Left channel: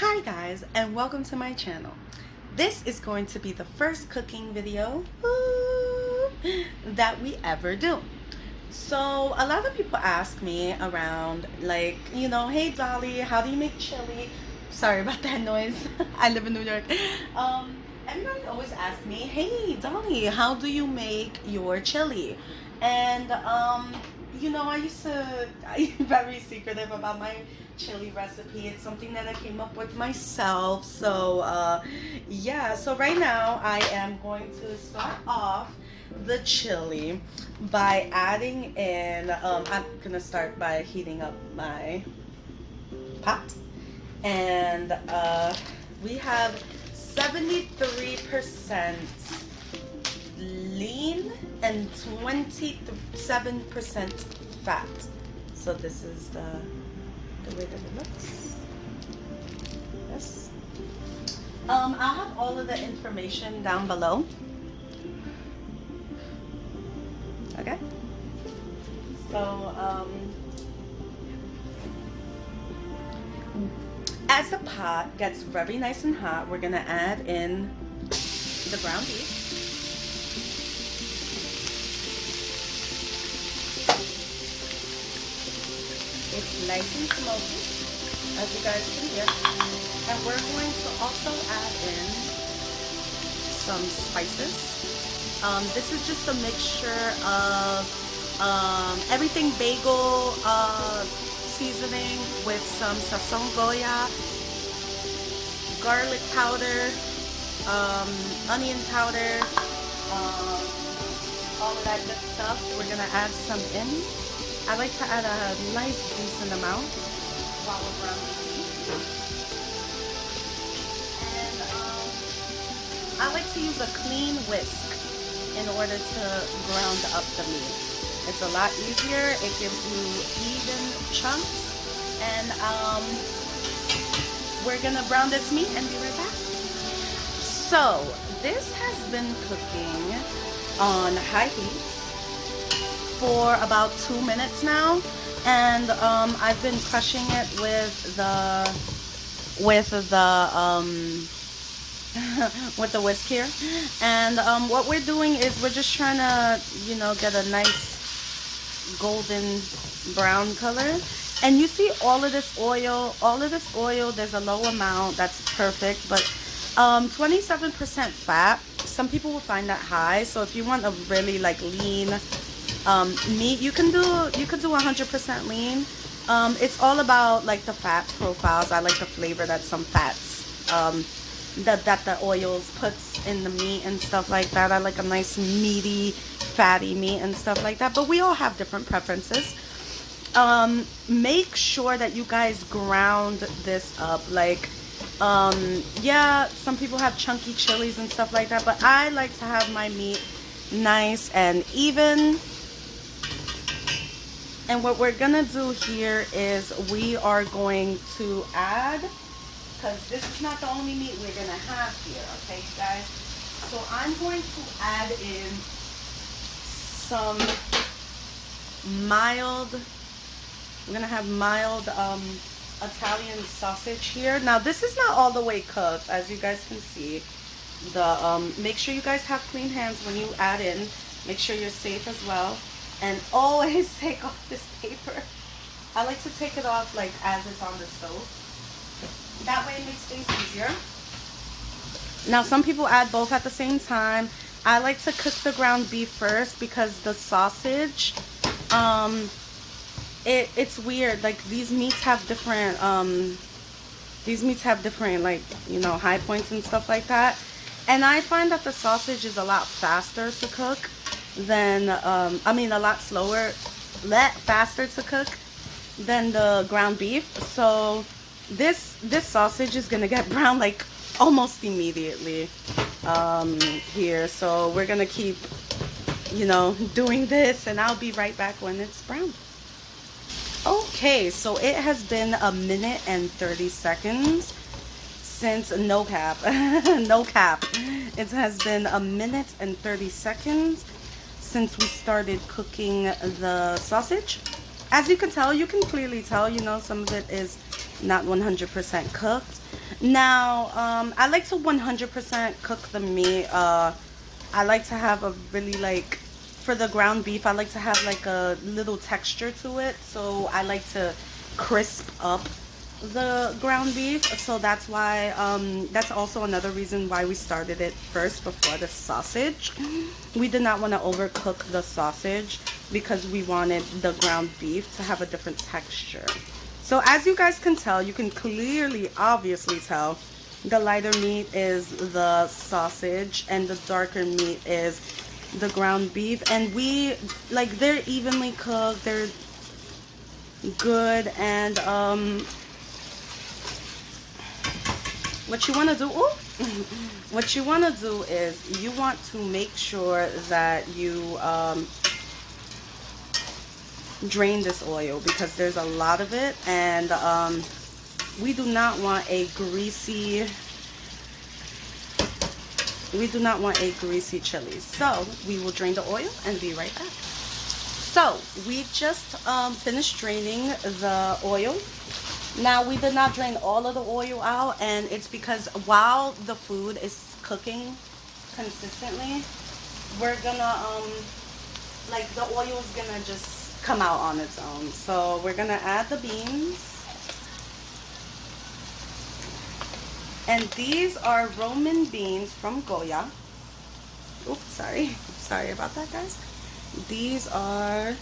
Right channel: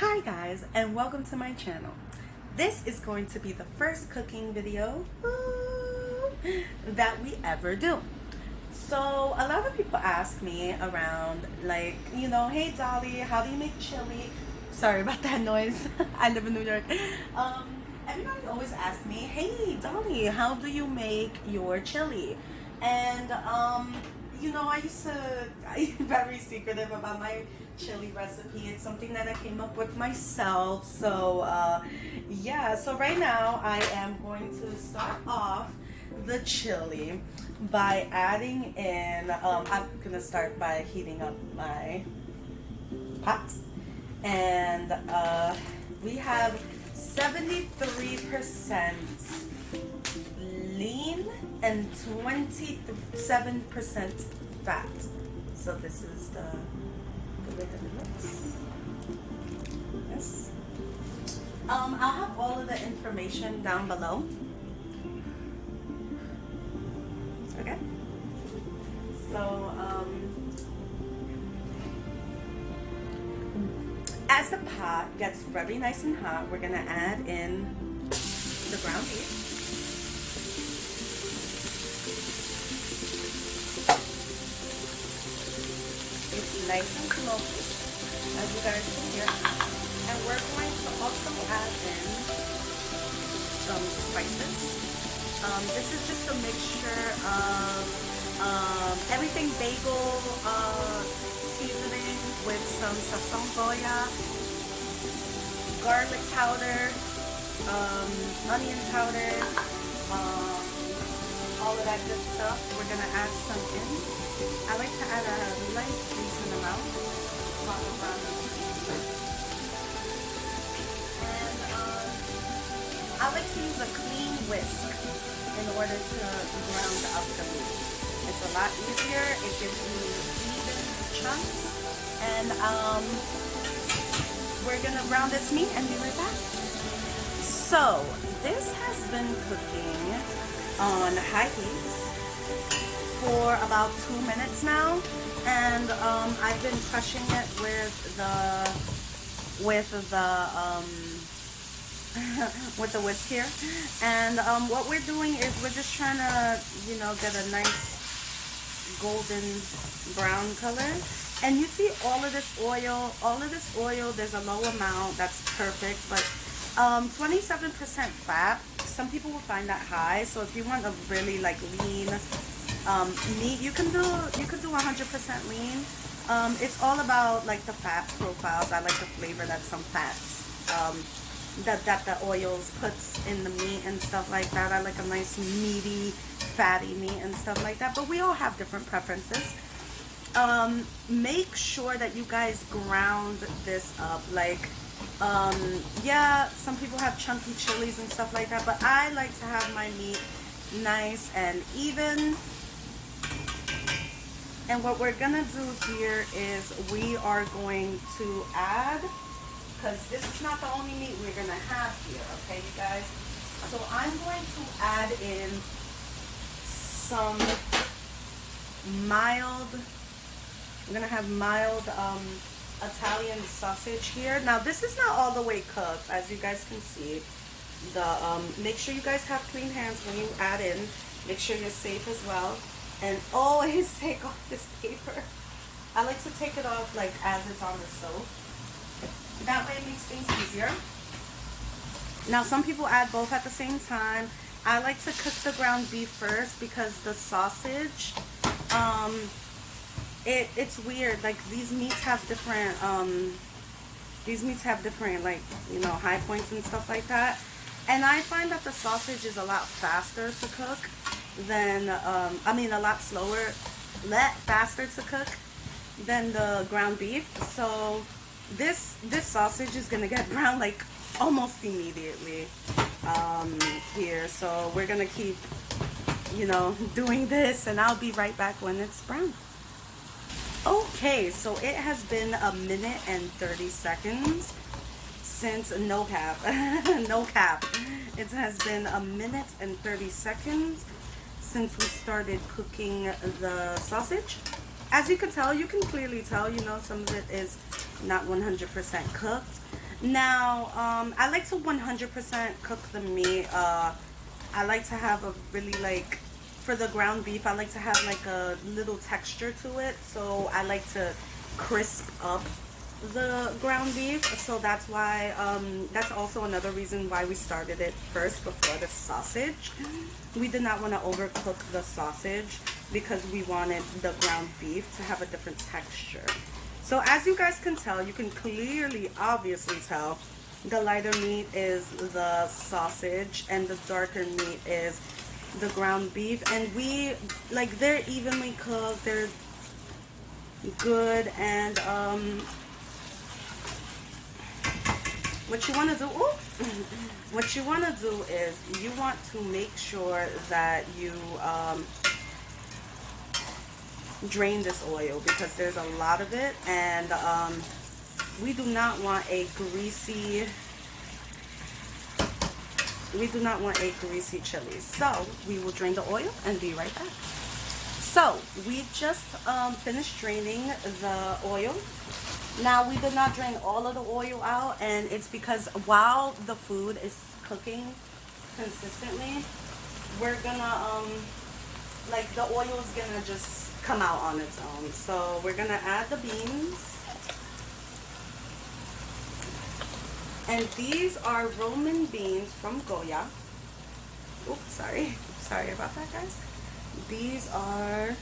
Hi guys, and welcome to my channel. This is going to be the first cooking video that we ever do. So a lot of people ask me around, like, hey Dali, how do you make chili? Sorry about that noise. I live in New York. Everybody always asks me, hey Dali, how do you make your chili? And I'm very secretive about my chili recipe. It's something that I came up with myself. So yeah, so right now I am going to start off the chili by adding in, I'm gonna start by heating up my pot. And we have 73% lean and 27% fat. So this is the way that it looks. Yes. I'll have all of the information down below. Okay. So as the pot gets very nice and hot, we're gonna add in the ground beef. It's nice and smoky, as you guys can hear. And we're going to also add in some spices. This is just a mixture of everything bagel seasoning with some sazon goya, garlic powder, onion powder, all of that good stuff. We're gonna add some in. I like to add a nice decent amount. And I like to use a clean whisk in order to ground up the meat. It's a lot easier. It gives you even chunks. And we're gonna brown this meat and be right back. So this has been cooking on high heat for about 2 minutes now, and I've been crushing it with the with the whisk here. And what we're doing is we're just trying to get a nice golden brown color. And you see all of this oil, there's a low amount, that's perfect, but 27% fat, some people will find that high. So if you want a really like lean meat, you can do 100% lean. It's all about like the fat profiles. I like the flavor that some fats that the oils puts in the meat and stuff like that. I like a nice meaty, fatty meat and stuff like that, but we all have different preferences. Make sure that you guys ground this up. Like yeah, some people have chunky chilies and stuff like that, but I like to have my meat nice and even. And what we're gonna do here is we are going to add, because this is not the only meat we're gonna have here, okay you guys? So I'm going to add in some mild, I'm gonna have mild Italian sausage here. Now this is not all the way cooked, as you guys can see. Make sure you guys have clean hands when you add in. Make sure you're safe as well. And always take off this paper. I like to take it off like as it's on the stove. That way it makes things easier. Now some people add both at the same time. I like to cook the ground beef first because the sausage, it's weird. Like these meats have different like, high points and stuff like that. And I find that the sausage is a lot faster to cook than, a lot faster to cook than the ground beef. So this sausage is gonna get brown like almost immediately here. So we're gonna keep, doing this, and I'll be right back when it's brown. Okay, so it has been 1 minute and 30 seconds since, no cap, no cap. It has been 1 minute and 30 seconds since we started cooking the sausage. As you can tell, you can clearly tell, some of it is not 100% cooked. Now, I like to 100% cook the meat. I like to have a really like, for the ground beef, I like to have like a little texture to it. So I like to crisp up the ground beef. So that's why, that's also another reason why we started it first before the sausage. We did not want to overcook the sausage because we wanted the ground beef to have a different texture. So as you guys can tell, you can clearly, obviously tell, the lighter meat is the sausage and the darker meat is the ground beef. And we, like, they're evenly cooked, they're good. And what you want to do, what you want to do is you want to make sure that you drain this oil, because there's a lot of it, and we do not want a greasy chili. So we will drain the oil and be right back. So we just finished draining the oil. Now we did not drain all of the oil out, and it's because while the food is cooking consistently, we're gonna like, the oil is gonna just come out on its own. So we're gonna add the beans, and these are Roman beans from Goya. Oops, sorry about that, guys. These are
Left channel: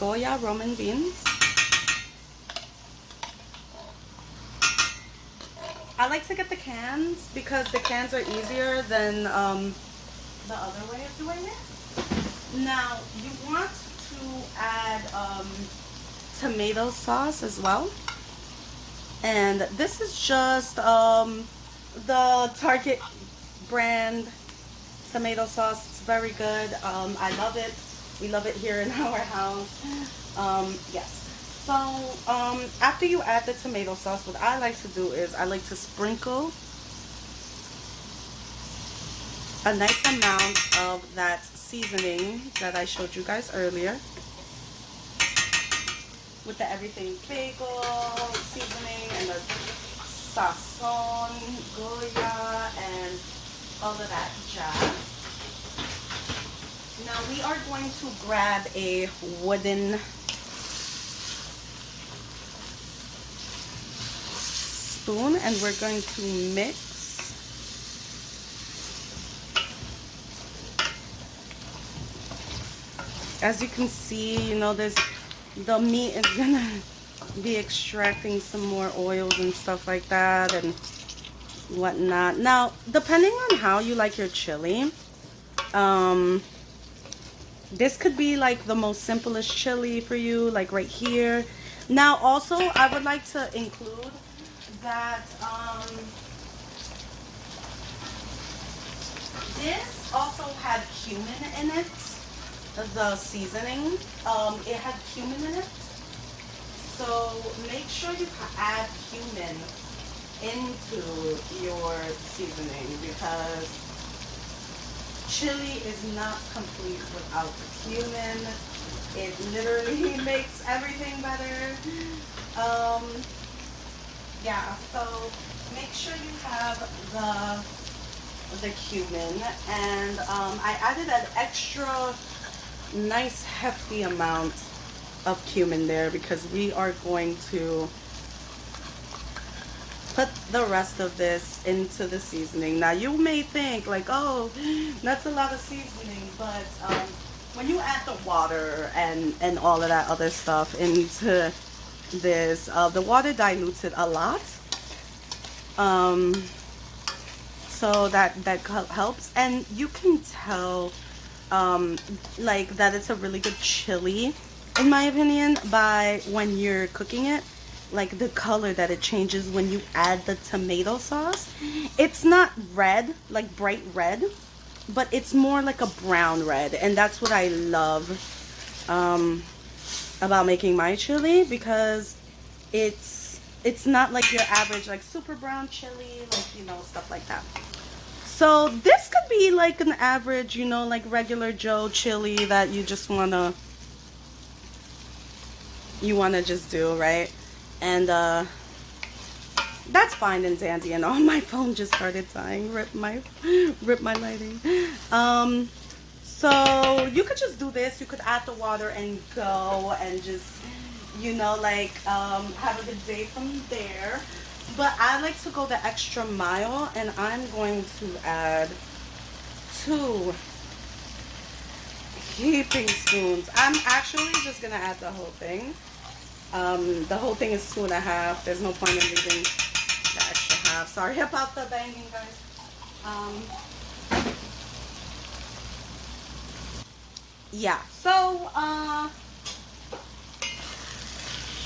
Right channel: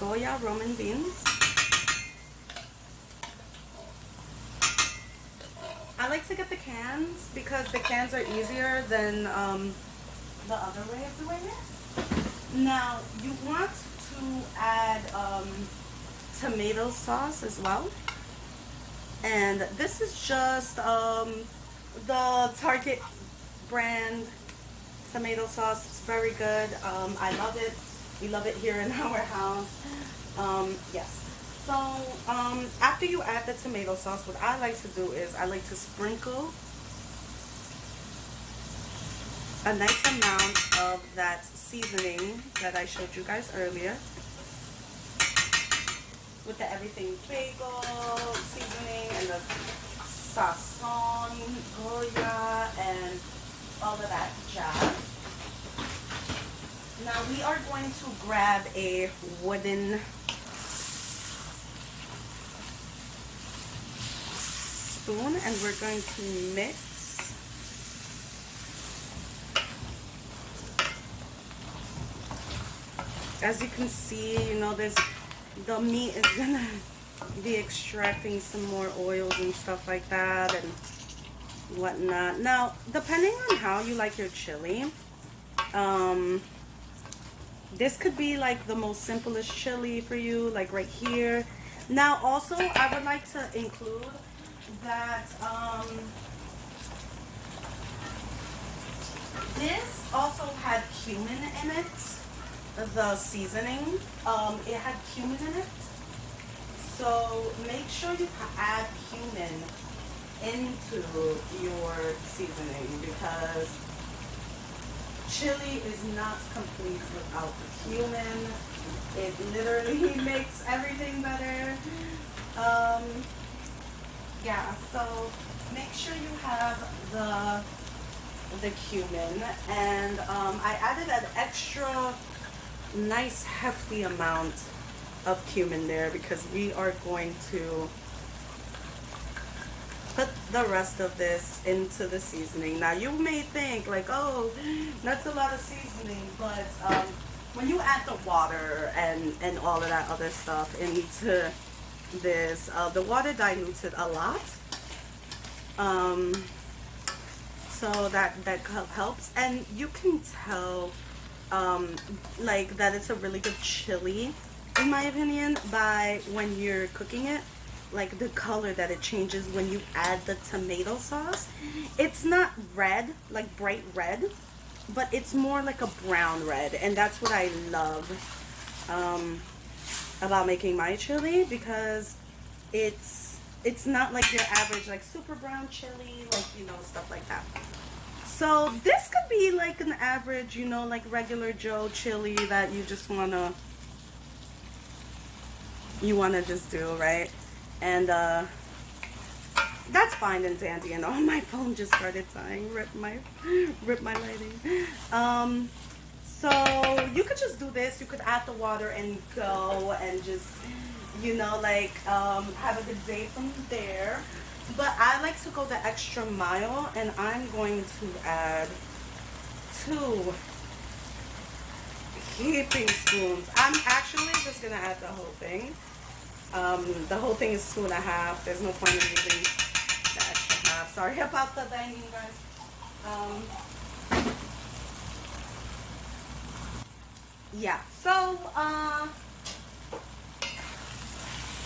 Goya Roman beans. I like to get the cans because the cans are easier than the other way of doing it. Now you want to add tomato sauce as well, and this is just the Target brand tomato sauce. It's very good. I love it. We love it here in our house. Yes. So after you add the tomato sauce, what I like to do is I like to sprinkle a nice amount of that seasoning that I showed you guys earlier, with the everything bagel seasoning and the sazon, goya, and all of that jazz. Now we are going to grab a wooden spoon and we're going to mix as you can see, you know, the meat is gonna be extracting some more oils and stuff like that and whatnot. Now, depending on how you like your chili, this could be like the most simplest chili for you, like right here. Now, also, I would like to include that this also had cumin in it. The seasoning, it had cumin in it, so make sure you add cumin into your seasoning, because chili is not complete without the cumin. It literally makes everything better. Yeah, so make sure you have the cumin, and I added an extra nice hefty amount of cumin there because we are going to put the rest of this into the seasoning. Now you may think like, oh, that's a lot of seasoning, but when you add the water and all of that other stuff into this, the water dilutes it a lot, so that helps. And you can tell like that it's a really good chili, in my opinion, by when you're cooking it, like the color that it changes when you add the tomato sauce. It's not red, like bright red, but it's more like a brown red, and that's what I love about making my chili, because it's not like your average like super brown chili, like, you know, stuff like that. So this could be like an average, you know, like regular Joe chili that you just wanna just do, right? And That's fine and dandy and all. My phone just started dying. Rip my lighting. So you could just do this. You could add the water and go and just, like have a good day from there. But I like to go the extra mile, and I'm going to add 2 heaping spoons. I'm actually just gonna add the whole thing. The whole thing is 2.5. There's no point in leaving the extra half. Sorry about the banging, guys. Yeah. So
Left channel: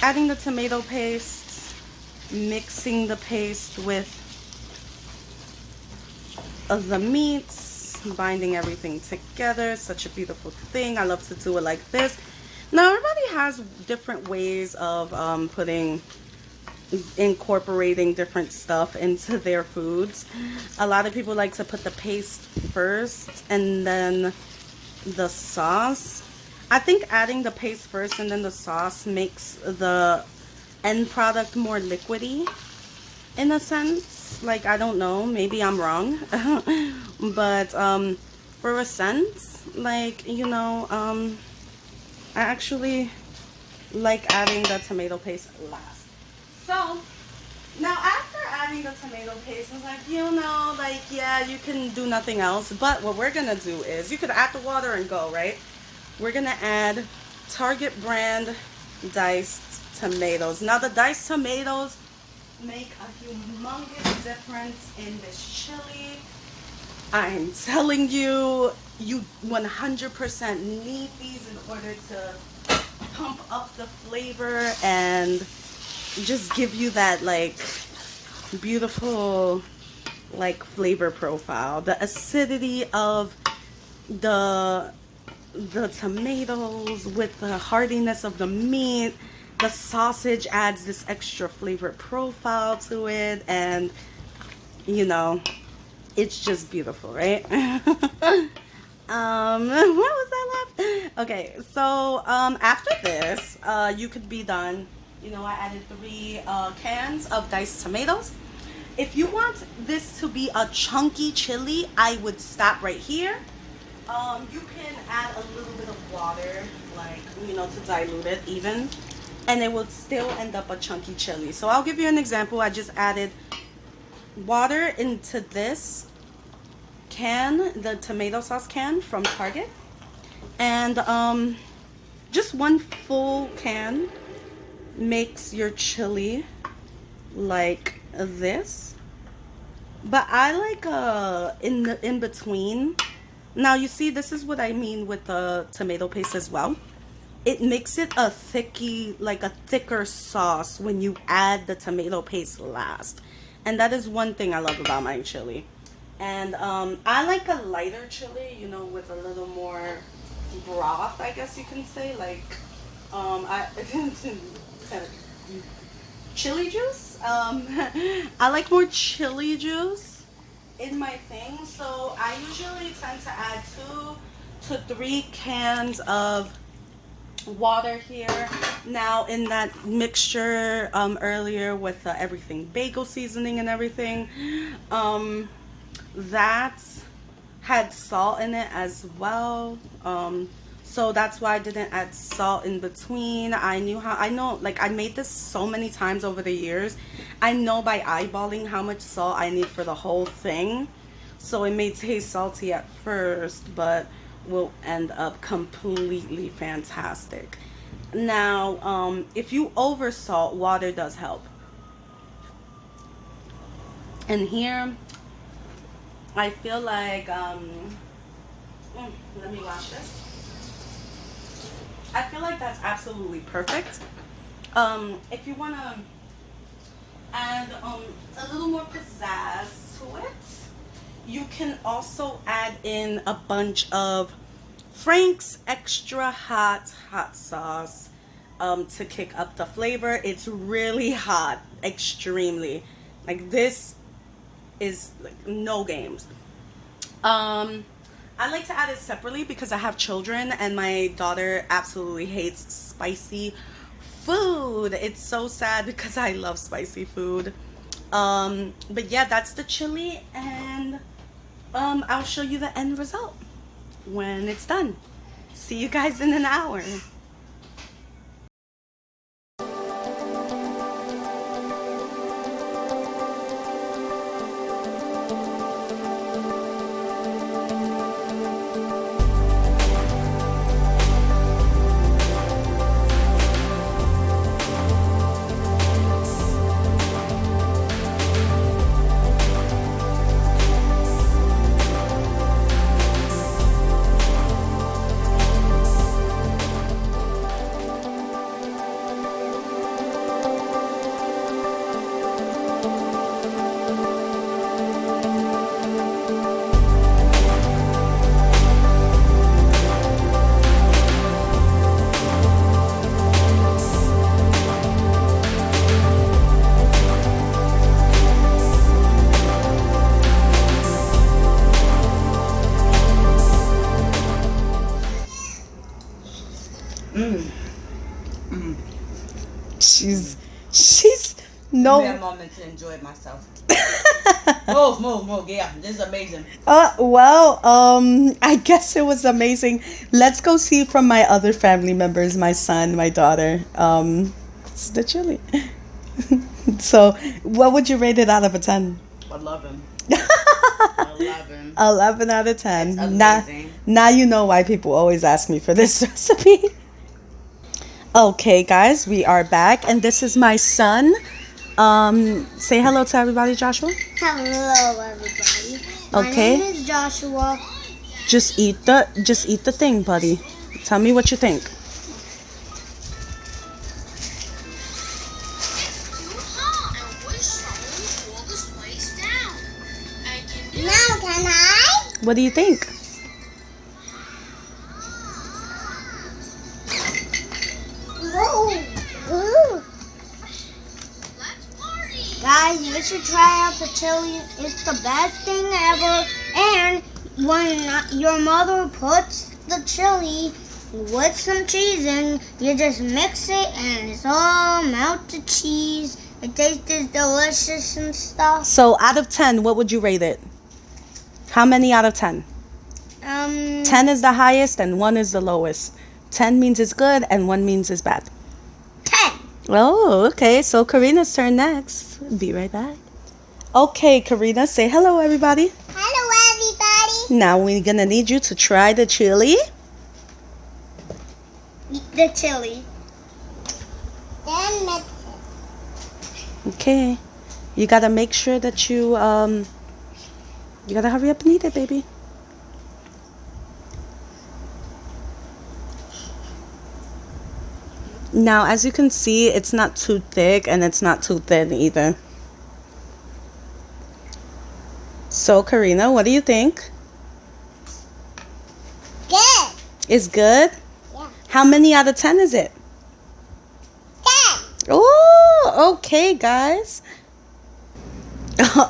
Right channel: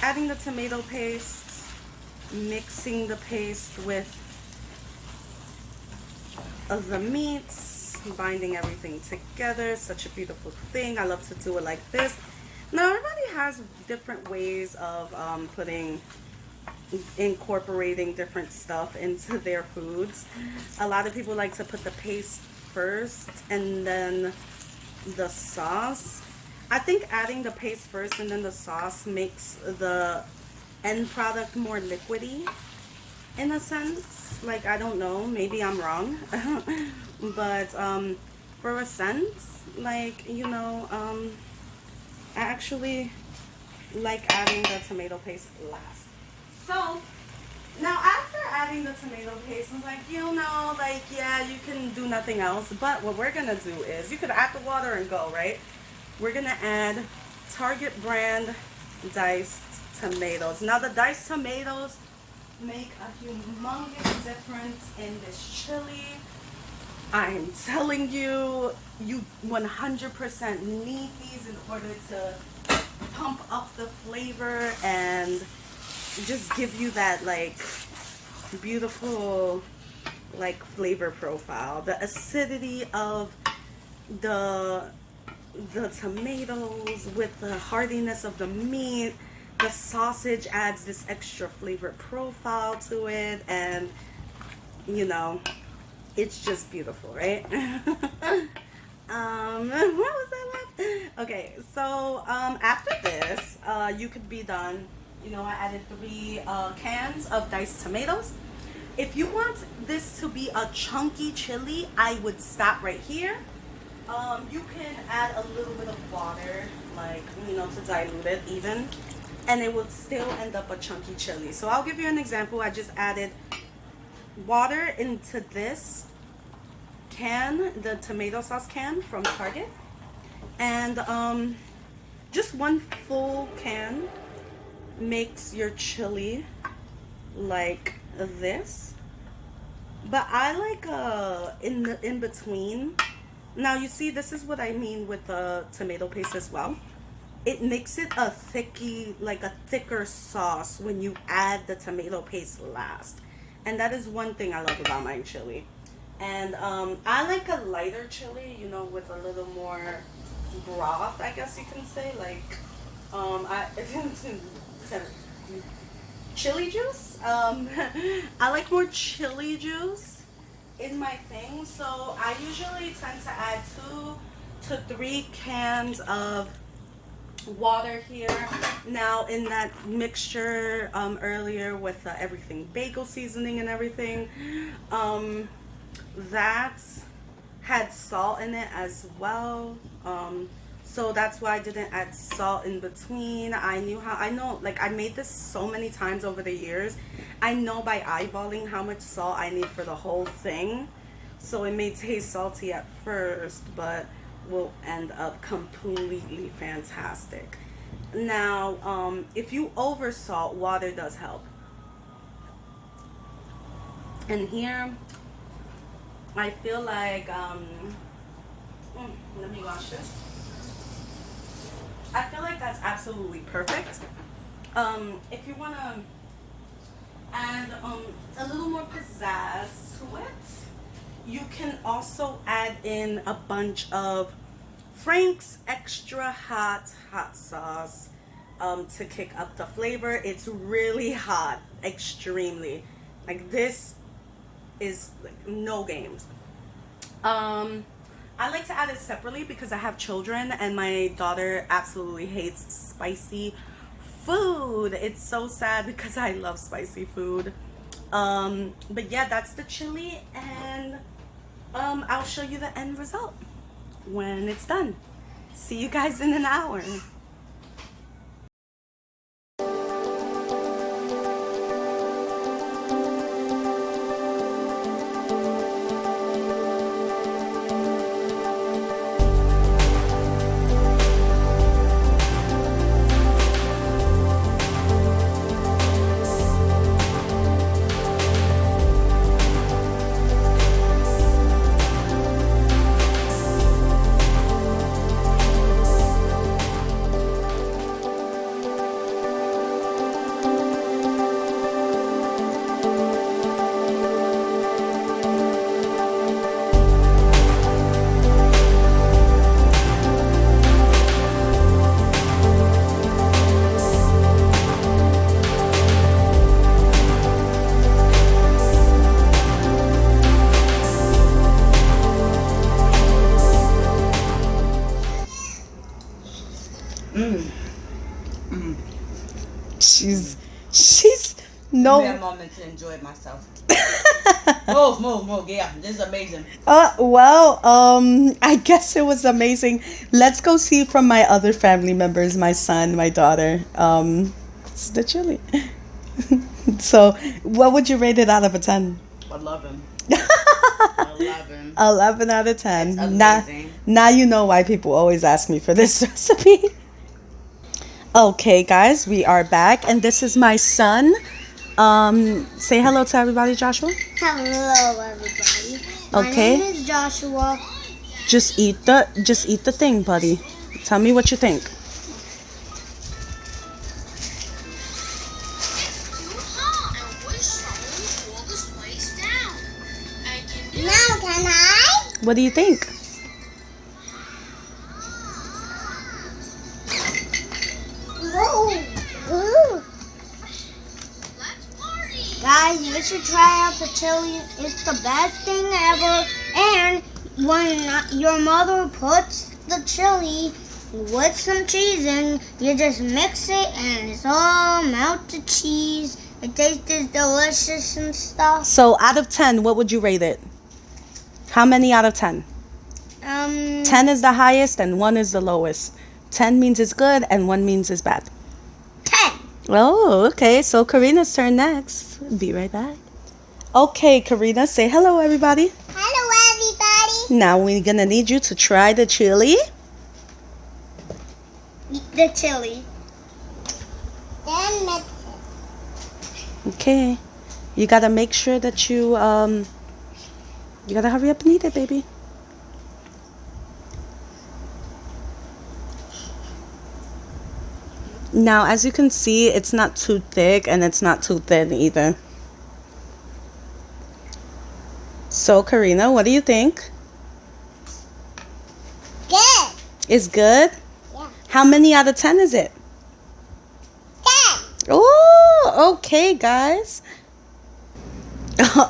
adding the tomato paste, mixing the paste with the meats, binding everything together. Such a beautiful thing. I love to do it like this. Now everybody has different ways of incorporating different stuff into their foods. A lot of people like to put the paste first and then the sauce. I think adding the paste first and then the sauce makes the end product more liquidy in a sense. Like, I don't know, maybe I'm wrong. But for a sense, like, I actually like adding the tomato paste last. So now after adding the tomato paste, it's like, yeah, you can do nothing else. But what we're gonna do is, you could add the water and go, right? We're gonna add Target brand diced tomatoes. Now the diced tomatoes make a humongous difference in this chili. I'm telling you, you 100% need these in order to pump up the flavor and just give you that like beautiful like flavor profile. The acidity of the tomatoes with the hardiness of the meat. The sausage adds this extra flavor profile to it, and it's just beautiful, right? What was that laugh? Okay, so after this, you could be done. I added 3 cans of diced tomatoes. If you want this to be a chunky chili, I would stop right here. You can add a little bit of water, like, to dilute it even, and it will still end up a chunky chili. So I'll give you an example. I just added water into this can, the tomato sauce can from Target, and just 1 full can makes your chili like this. But I like in between. Now you see, this is what I mean with the tomato paste as well. It makes it a thicker sauce when you add the tomato paste last. And that is one thing I love about my chili. And I like a lighter chili, with a little more broth, I guess you can say. Like, chili juice. I like more chili juice in my thing. So I usually tend to add 2 to 3 cans of water here. Now in that mixture earlier with everything bagel seasoning and everything, that had salt in it as well, so that's why I didn't add salt in between. I know, like, I made this so many times over the years. I know by eyeballing how much salt I need for the whole thing, so it may taste salty at first, but will end up completely fantastic. Now if you over salt, water does help. And here I feel like let me wash this. I feel like that's absolutely perfect. If you want to add a little more pizzazz to it, you can also add in a bunch of Frank's extra hot sauce to kick up the flavor. It's really hot, extremely. Like, this is like no games. I like to add it separately because I have children and my daughter absolutely hates spicy food. It's so sad because I love spicy food. But yeah, that's the chili, and I'll show you the end result when it's done. See you guys in an hour. She's no. Give me a moment to enjoy myself. Move, yeah. This is amazing. Well, I guess it was amazing. Let's go see from my other family members, my son, my daughter. It's the chili. So, what would you rate it out of a 10? 11. 11 out of 10. It's amazing. Now you know why people always ask me for this recipe. Okay, guys, we are back, and this is my son. Say hello to everybody, Joshua. Hello, everybody. Okay. My name is Joshua. Just eat the thing, buddy. Tell me what you think. Now can I? What do you think? Ooh. Guys, you should try out the chili. It's the best thing ever. And when your mother puts the chili with some cheese in, you just mix it and it's all melted cheese. It tastes delicious and stuff. So, out of 10, what would you rate it? How many out of 10? 10 is the highest and 1 is the lowest. 10 means it's good and 1 means it's bad. 10. Oh, okay. So Karina's turn next. Be right back. Okay, Karina, say hello, everybody. Hello, everybody. Now we're gonna need you to try the chili. Eat the chili. Then mix it. Okay. You gotta make sure that you gotta hurry up and eat it, baby. Now, as you can see, it's not too thick and it's not too thin either. So, Karina, what do you think? Good. It's good? Yeah. How many out of 10 is it? 10. Oh, okay, guys.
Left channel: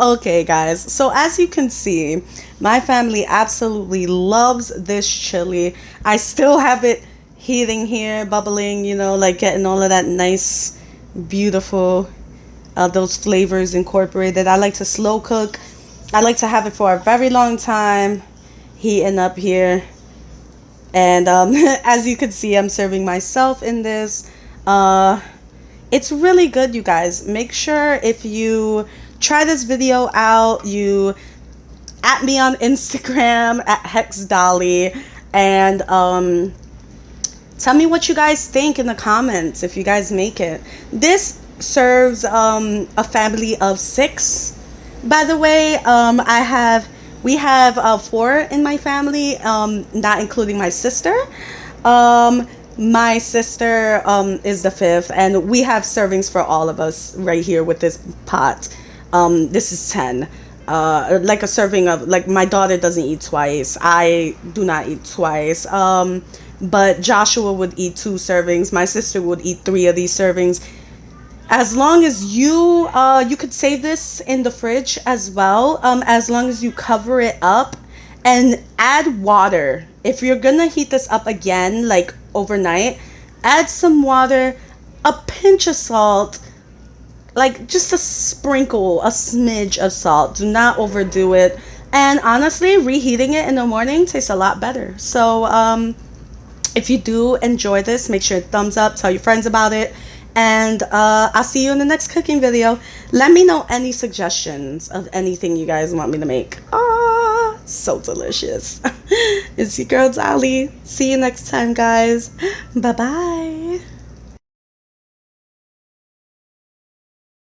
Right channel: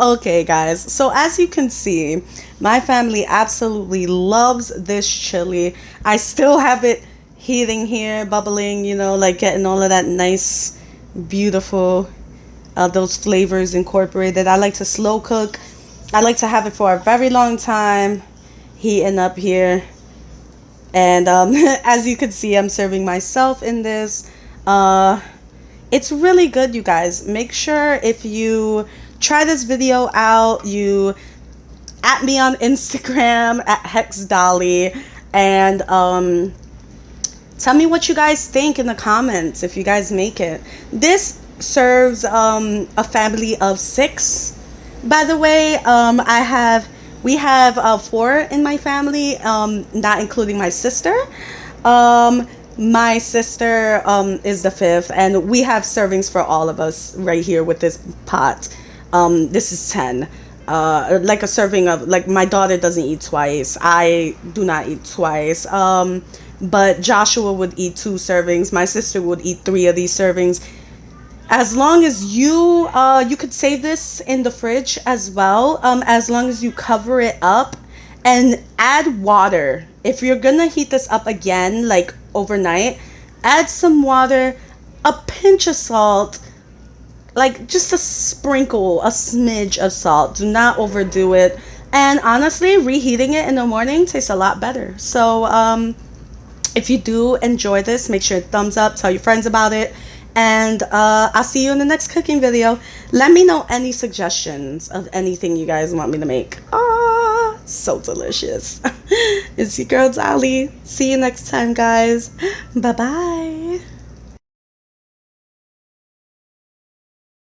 Okay, guys. So, as you can see, my family absolutely loves this chili. I still have it heating here, bubbling, you know, like getting all of that nice, beautiful, those flavors incorporated. I like to slow cook. I like to have it for a very long time, heating up here. And as you can see, I'm serving myself in this. It's really good, you guys. Make sure if you try this video out, you at me on Instagram at HexDali, and tell me what you guys think in the comments if you guys make it. This serves a family of 6. By the way, we have 4 in my family, not including my sister. My sister is the 5th, and we have servings for all of us right here with this pot. This is 10. Like a serving of, like, my daughter doesn't eat twice. I do not eat twice. But Joshua would eat 2 servings. My sister would eat 3 of these servings. As long as you could save this in the fridge as well. As long as you cover it up and add water. If you're gonna heat this up again, like overnight, add some water, a pinch of salt, like just a sprinkle, a smidge of salt. Do not overdo it. And honestly, reheating it in the morning tastes a lot better. So if you do enjoy this, make sure thumbs up, tell your friends about it, and I'll see you in the next cooking video. Let me know any suggestions of anything you guys want me to make. Ah, so delicious. It's your girl Dali. See you next time, guys. Bye bye.